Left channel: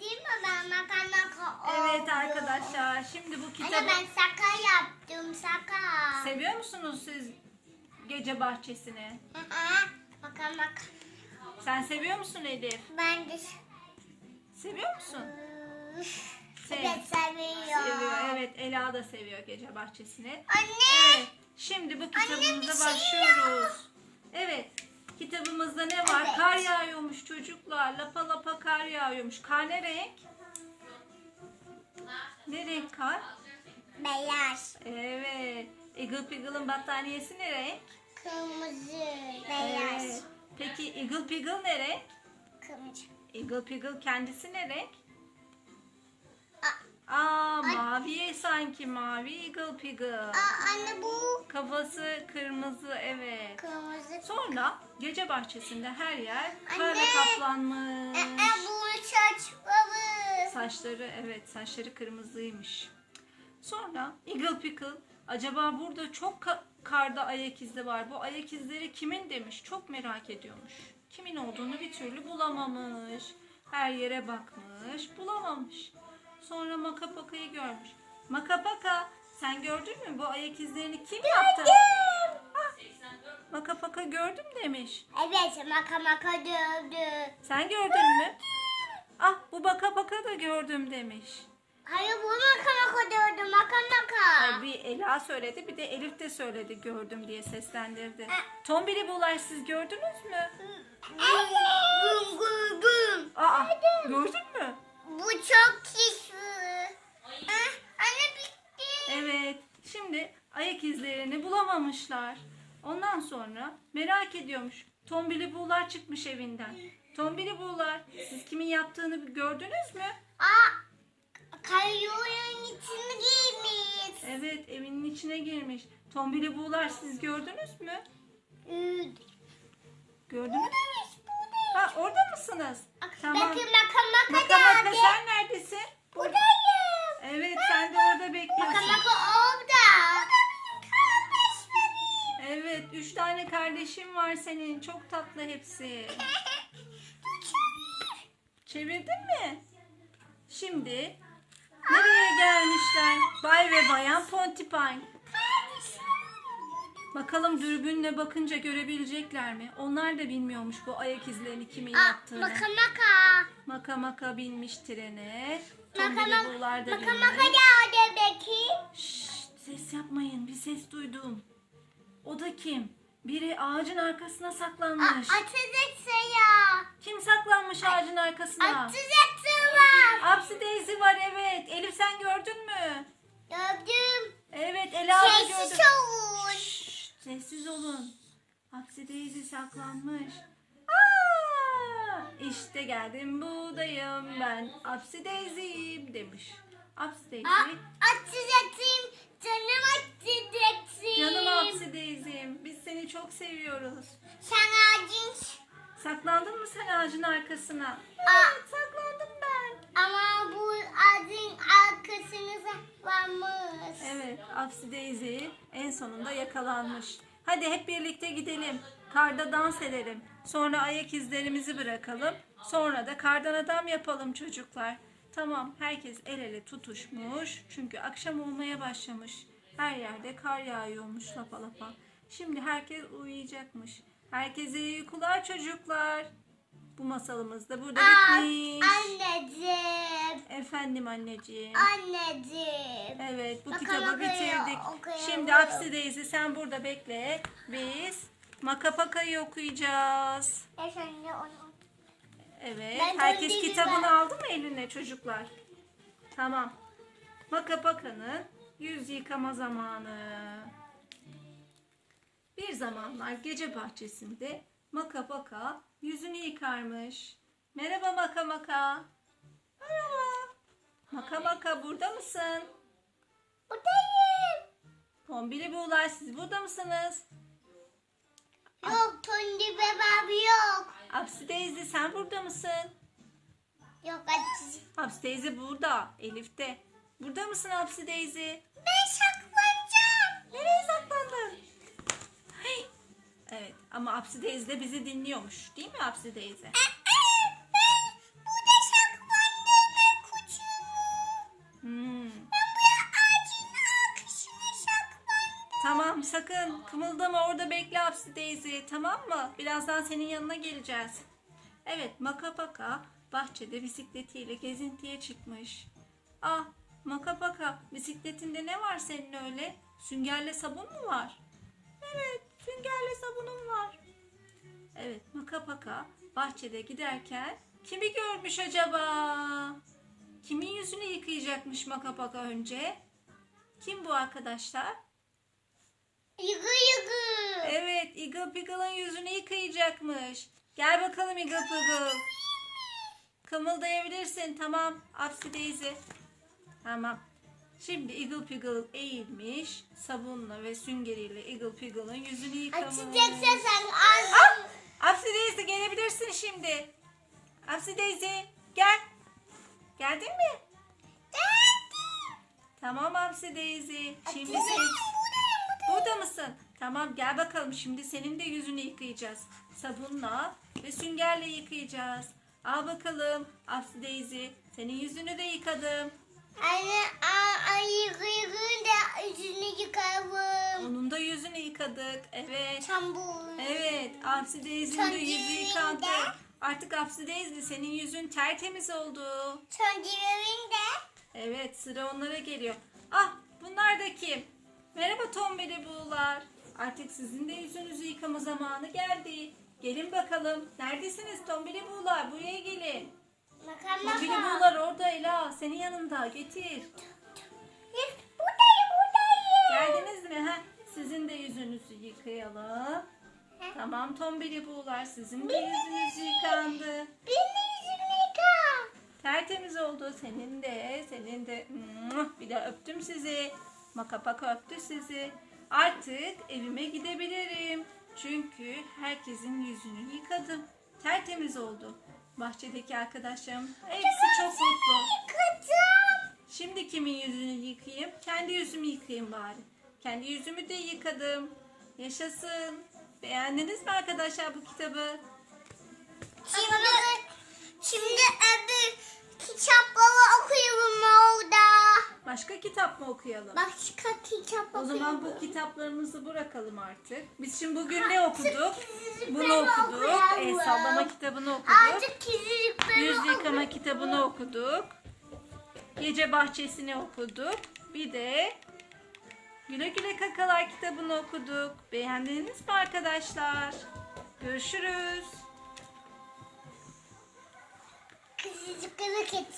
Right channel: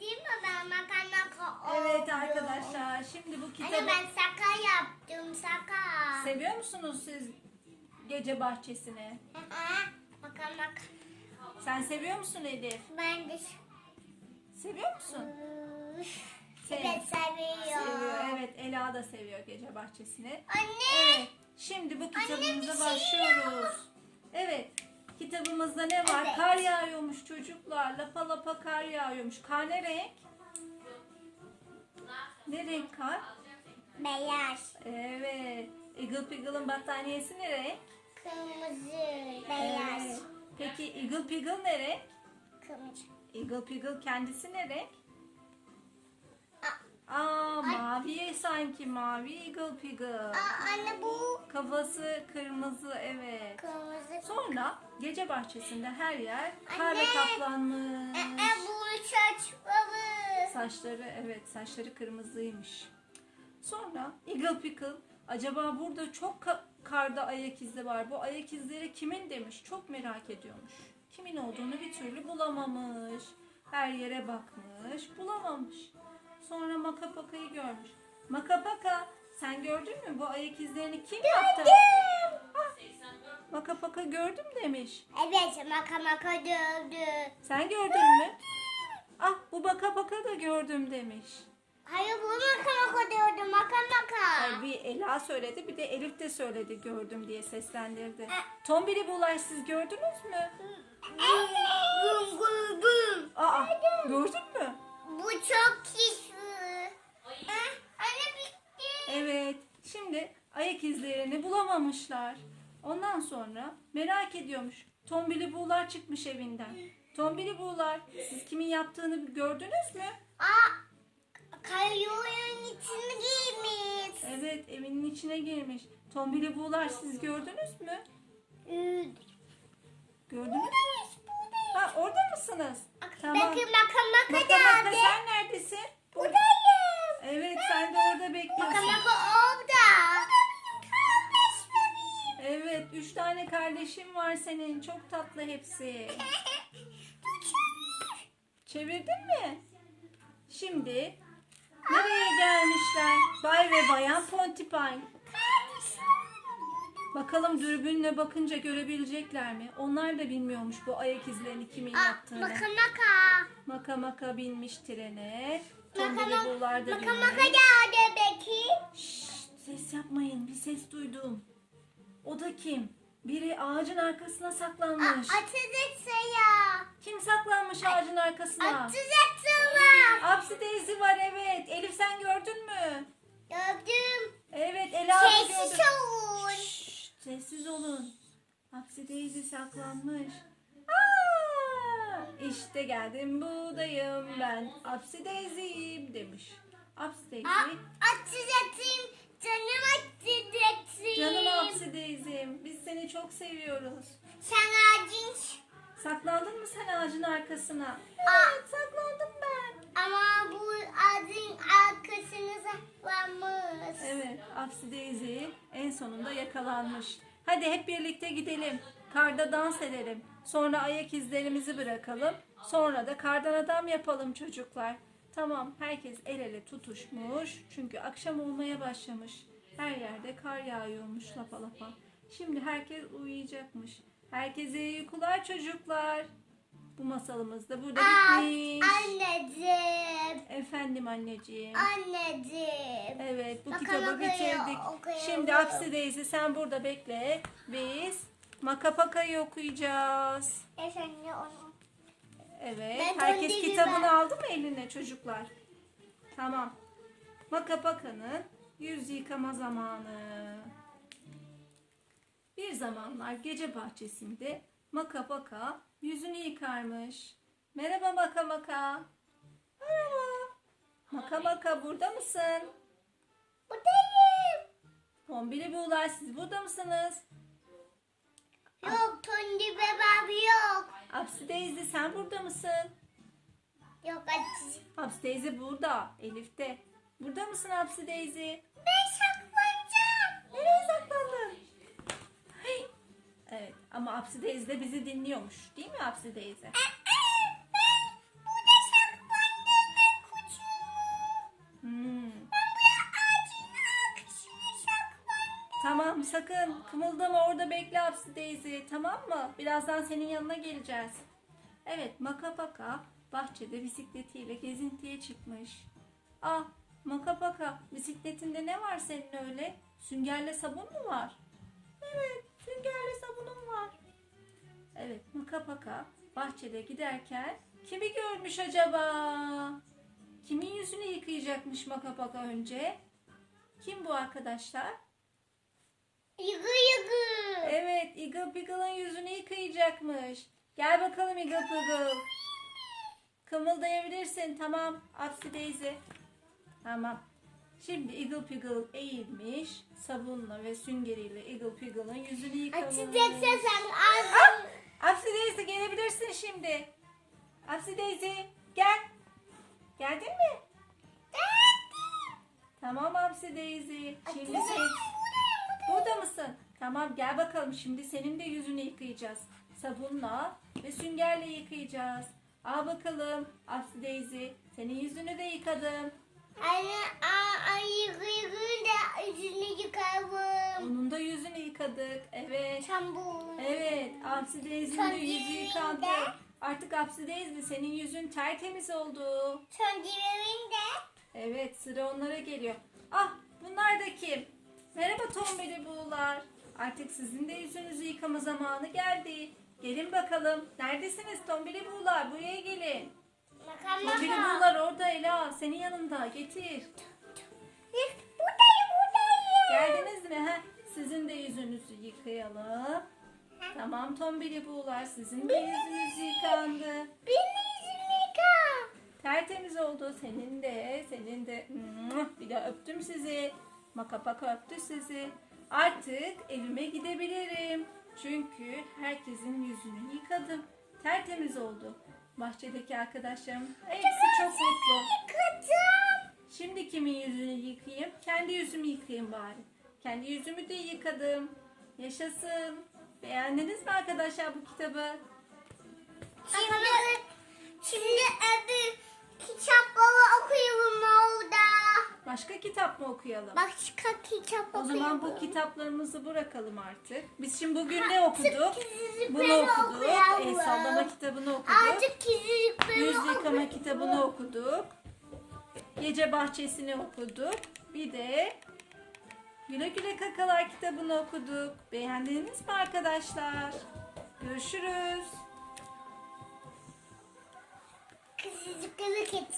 değil mi? Ben maka maka Evet arkadaşlar şimdi bu Anne kitabı ben saka yaptım saka. seviyor musunuz siz gece bahçesini? Aa, Maka maka. Sen seviyor musun Elif? Ben de Seviyor musun? Sev- evet seviyorum. Seviyor. Evet Ela da seviyor gece bahçesini. Anne. Evet. Şimdi bu Anne, kitabımıza şey başlıyoruz. Evet. Kitabımızda ne var? Evet. Kar yağıyormuş çocuklar. Lapa lapa kar yağıyormuş. Kar ne renk? Ne renk kar? Beyaz. Evet. Eagle Piggle'ın battaniyesi ne renk? Kırmızı. Beyaz. Evet. Peki Eagle Piggle ne renk? Kırmızı. Eagle Piggle kendisi ne renk? Aa, mavi sanki mavi Eagle Piggle. aa, anne bu Kafası kırmızı evet. kırmızı. Sonra gece bahçesinde her yer karla kaplanmış. Ee, bu saçları. Saçları evet saçları kırmızıymış. Sonra Eagle Pickle acaba burada çok ka- karda ayak izi var. Bu ayak izleri kimin demiş. Çok merak ediyormuş. Kimin olduğunu bir türlü bulamamış. Her yere bakmış, bulamamış. Sonra Makapaka'yı görmüş. Makapaka sen gördün mü bu ayak izlerini kim yaptı? Ah, Makapaka gördüm demiş. Evet maka maka dövdü. Sen gördün mü? Ah bu baka baka da gördüm demiş. Hayır bu maka maka dövdü maka maka. Ay, bir Ela söyledi bir de Elif de söyledi gördüm diye seslendirdi. Tombili bular siz gördünüz mü? Bum bum bum. Aa bulamamışlar. Ondan sonra merak ediyormuş. Tombili buğular çıkmış evinden. Tombili buğular siz kimin yaptığını gördünüz mü? Aa, kayyonun içine girmiş. Evet evinin içine girmiş. Tombili buğular siz gördünüz mü? Üd. Gördünüz mü? Ha orada mısınız? Tamam. Bakın maka maka Maka maka geldi. sen neredesin? Buradayım. Evet sen de orada bekliyorsun. maka üç tane kardeşim var senin. Çok tatlı hepsi. Çevirdin mi? Şimdi nereye gelmişler? Bay ve bayan Pontypine. Bakalım dürbünle bakınca görebilecekler mi? Onlar da bilmiyormuş bu ayak izlerini kimin yaptığını. maka maka. Maka maka binmiş trene. Tombili buğular da Maka maka geldi belki. Şşt, ses yapmayın. Bir ses duydum. O da kim? Biri ağacın arkasına saklanmış. Atacak ya. Kim saklanmış ağacın arkasına? Atacaksınlar. Apsi Daisy var evet. Elif sen gördün mü? Gördüm. Evet Ela Sessiz gördü. olun. Şşt, sessiz olun. Apsi Daisy saklanmış. Aa, işte geldim buradayım ben. Apsi Daisy'yim demiş. Apsi. Aa, Atacaksın. Canım atacaksın. Canım Daisy'im. Biz seni çok seviyoruz. Sen ağacın. Saklandın mı sen ağacın arkasına? Aa. Saklandım ben. Ama bu ağacın arkasını saklanmış. Evet Daisy en sonunda yakalanmış. Hadi hep birlikte gidelim. Karda dans edelim. Sonra ayak izlerimizi bırakalım. Sonra da kardan adam yapalım çocuklar. Tamam herkes el ele tutuşmuş. Çünkü akşam olmaya başlamış. Her yerde kar yağıyormuş lapa lapa. Şimdi herkes uyuyacakmış. Herkese iyi uykular çocuklar. Bu masalımız da burada Aa, bitmiş. anneciğim. Efendim anneciğim. Anneciğim. Evet bu Bakalım kitabı bitirdik. okuyalım. Şimdi Apsi Daisy sen burada bekle. Biz Makapaka'yı okuyacağız. Efendim onu. Evet. Ben Herkes kitabını ben. aldı mı eline çocuklar? Tamam. Makapaka'nın yüz yıkama zamanı. Bir zamanlar gece bahçesinde Makapaka yüzünü yıkarmış. Merhaba Makamaka. Merhaba. Makamaka burada mısın? Buradayım. Tombili buğular siz burada mısınız? Yok Tondi bebem yok. Apsi Daisy sen burada mısın? Yok açıcı. Apsi Daisy burada. Elif de. Burada mısın Apsi Daisy? Ben saklanacağım. Nereye saklandın? Hey. Evet ama Apsi Daisy de bizi dinliyormuş. Değil mi Apsi Daisy? Tamam sakın kımıldama orada bekle Hapsi Daisy tamam mı? Birazdan senin yanına geleceğiz. Evet Makapaka bahçede bisikletiyle gezintiye çıkmış. Ah Makapaka bisikletinde ne var senin öyle? Süngerle sabun mu var? Evet süngerle sabunum var. Evet Makapaka bahçede giderken kimi görmüş acaba? Kimin yüzünü yıkayacakmış Makapaka önce? Kim bu arkadaşlar? Yıkı yıkı. Evet, Eagle Piggle'ın yüzünü yıkayacakmış. Gel bakalım Eagle Piggle. Kımıldayabilirsin. Tamam. Upsy Daisy. Tamam. Şimdi Eagle Piggle eğilmiş. Sabunla ve süngeriyle Eagle Piggle'ın yüzünü yıkamış. Açacaksın sen az. Ah! Upsy Daisy gelebilirsin şimdi. Upsy Daisy gel. Geldin mi? Tamam Upsy Daisy. Şimdi sen... Burada mısın? Tamam gel bakalım şimdi senin de yüzünü yıkayacağız. Sabunla ve süngerle yıkayacağız. Al bakalım Upsy Daisy. Senin yüzünü de yıkadım. Anne a- ay yıkı yıkı da yüzünü yıkarım. Onun da yüzünü yıkadık. Evet. Bu. Evet. Upsy Daisy'nin de yüzü yıkandı. Artık Upsy Daisy senin yüzün tertemiz oldu. Son diğerinde. Evet sıra onlara geliyor. Ah bunlar da kim? Merhaba tombeli buğular. Artık sizin de yüzünüzü yıkama zamanı geldi. Gelin bakalım. Neredesiniz tombeli buğular? Buraya gelin. Tombeli bakalım. buğular orada Ela. Senin yanında. Getir. Buradayım buradayım. Geldiniz mi? Ha? Sizin de yüzünüzü yıkayalım. Tamam tombeli buğular. Sizin de yüzünüz yıkandı. Benim yüzümü yıka. Tertemiz oldu. Senin de, senin de. Bir de öptüm sizi. Makapak öptü sizi. Artık evime gidebilirim. Çünkü herkesin yüzünü yıkadım. Tertemiz oldu. Bahçedeki arkadaşlarım hepsi çok mutlu. Yıkacağım. Şimdi kimin yüzünü yıkayayım? Kendi yüzümü yıkayayım bari. Kendi yüzümü de yıkadım. Yaşasın. Beğendiniz mi arkadaşlar bu kitabı? Şimdi, şimdi öbür kitapları. Başka kitap mı okuyalım? Başka kitap O okuyalım. zaman bu kitaplarımızı bırakalım artık. Biz şimdi bugün ne okuduk? Bunu okuduk. El sallama kitabını okuduk. Yüz yıkama kitabını okuduk. Gece bahçesini okuduk. Bir de Güle Güle Kakalar kitabını okuduk. Beğendiniz mi arkadaşlar? Görüşürüz. Kızıcıkları getir.